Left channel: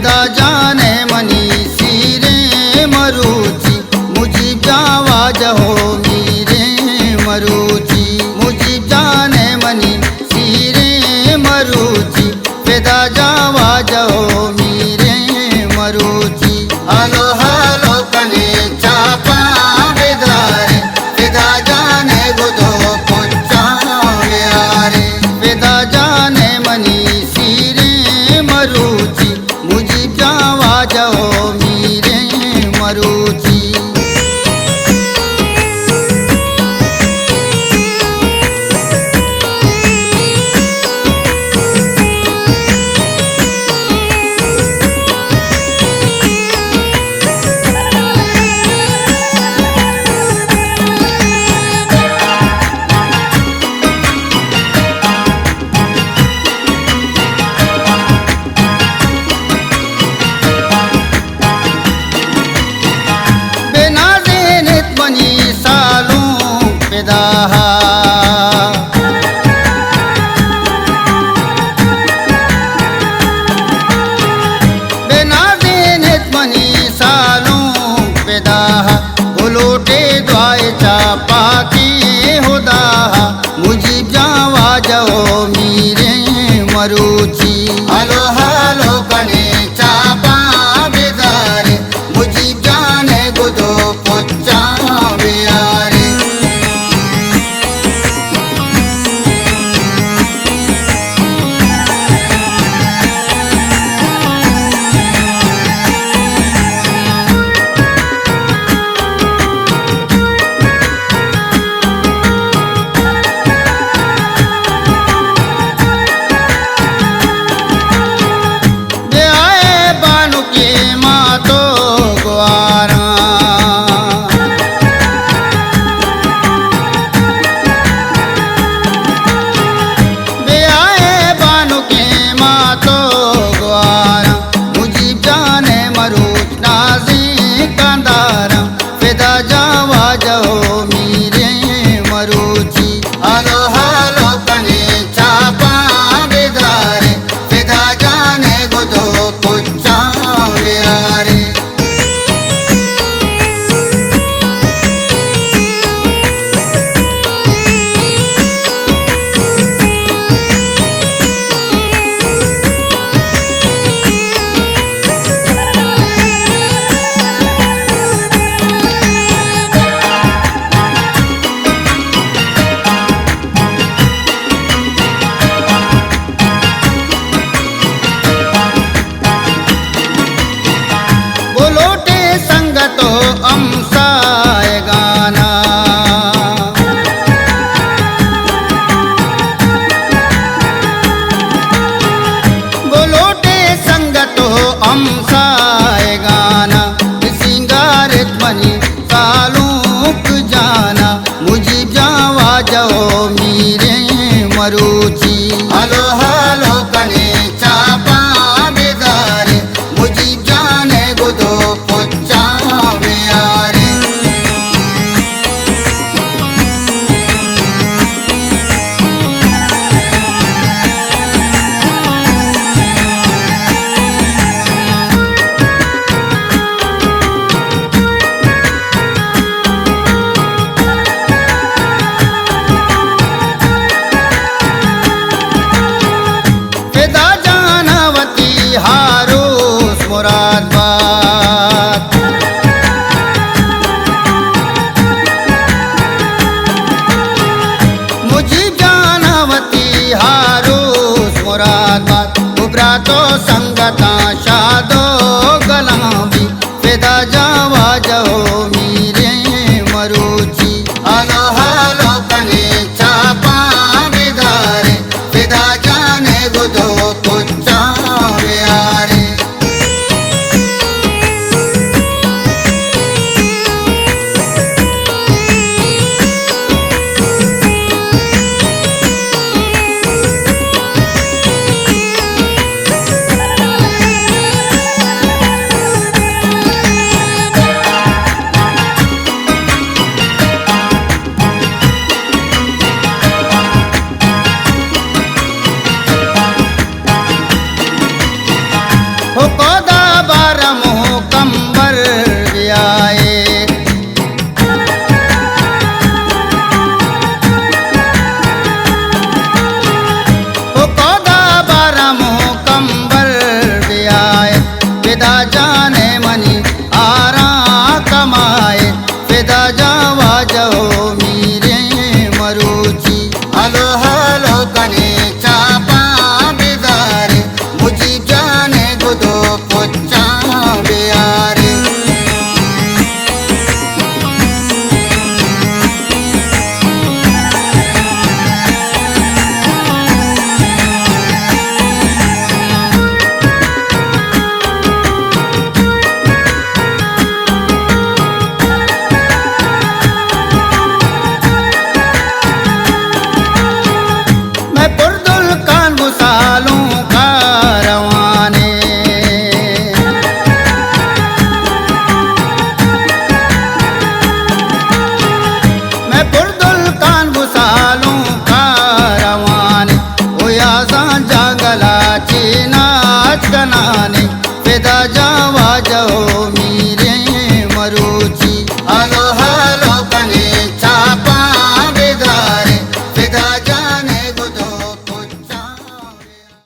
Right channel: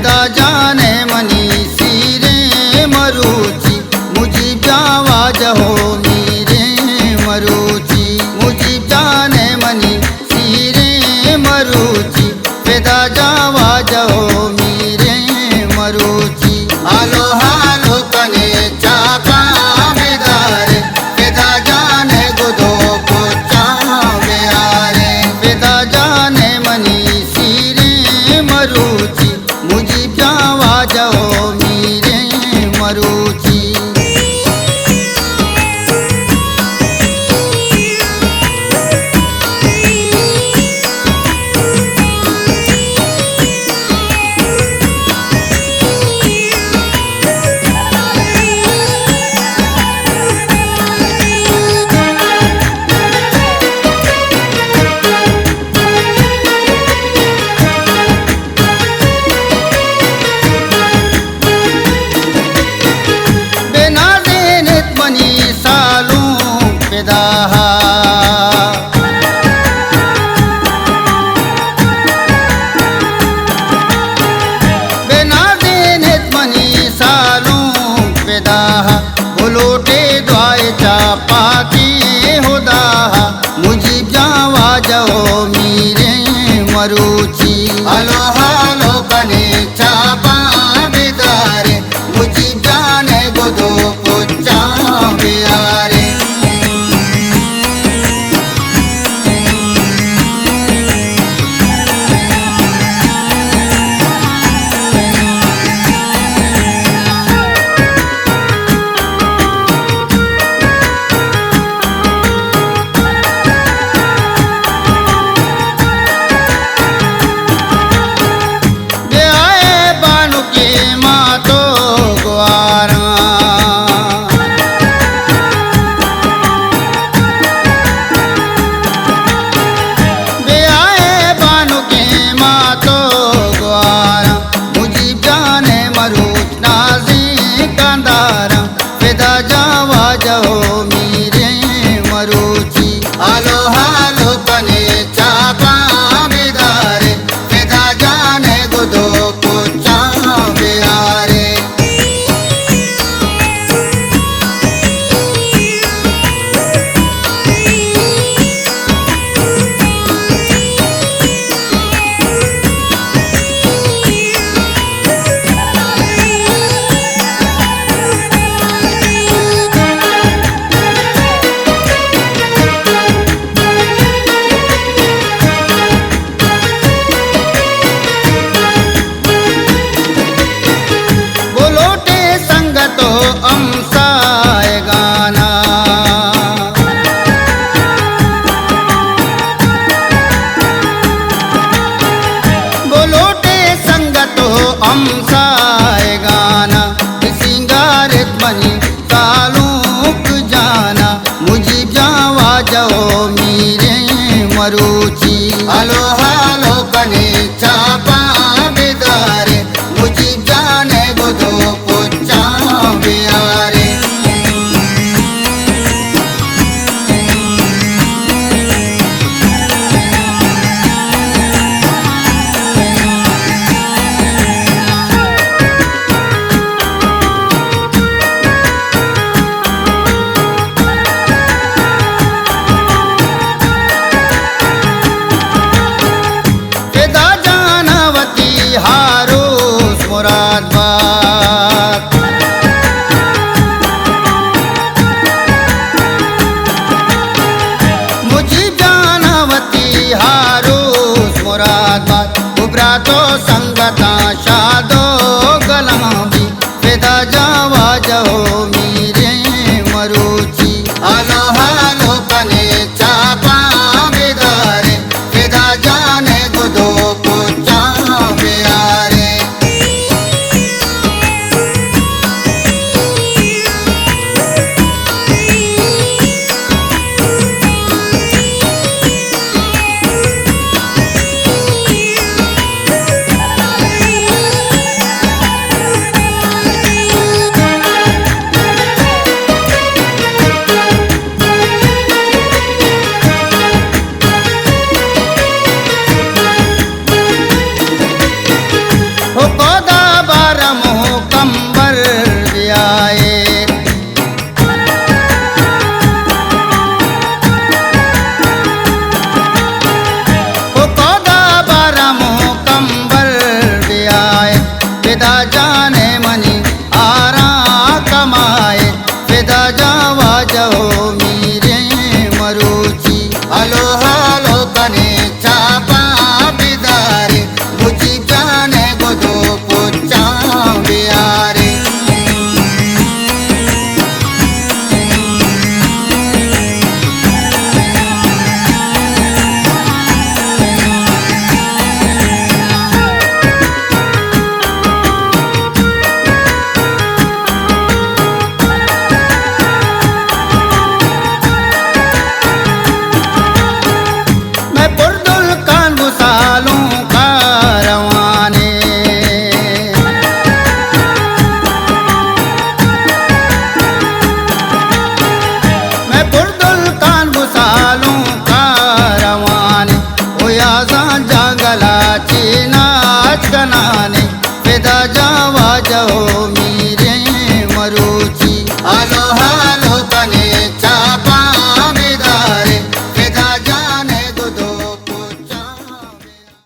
वेदा जाने मनी सीरे मरुची मुझीब आवाज हो मीरे मरुची मुझीब जाने मनी सीरे मरुची वेदा जावाज हो मीरे मरुची हालो हालो कने चापा वेदारे वेदा जाने गुदो पुच्चा वेआरे वेदा जाने मनी सीरे मरुची मुझीब जावाज हो मीरे मरुची मनी सालों पेदाहा बेनाज़ेनित मनी सालों पेदाहा बुलोटे द्वाए चापा के हुदाहा मुझीब जावाज हो मीरे मरुची हालो हालो कने चापा बेदारे मुझीब जाने गुदो वेदा जावाज हो मीरे मरुची हालो हालो कने चापा बेदारे वेदा जाने गुदो पुच्चा वेआरे तो अमसाए गाना बोलोटे संगतो अमसाए गाना सिंगारित मनी तालुक जाना मुझीब जावाज हो मीरे मरुची हालो हालो कने चापा बेदारे मुझीब जाने गुदो पुच्चा वेआरे वेदा जानवती हारो मुरादाबाद मुझीब जानवती हारो मुरादाबाद उबरा तो संगता शादो गलाबी वेदा जावाज हो मीरे मरुची हालो हालो कने चापा बेदारे वेदा जाने गुदो पुच्चा वेआरे जावा जहो मीरे मरुची हलो हलो कने चापा बिदारे बुझी जाने गुदो पुच्चा बिहारे मैं पुरदुल कान गुसालूं का रवाने मैं पुरदुल कान गुसालूं का रवाने ओ याजा जंगला चीना नाच कनाने फिदा जावा जहो मी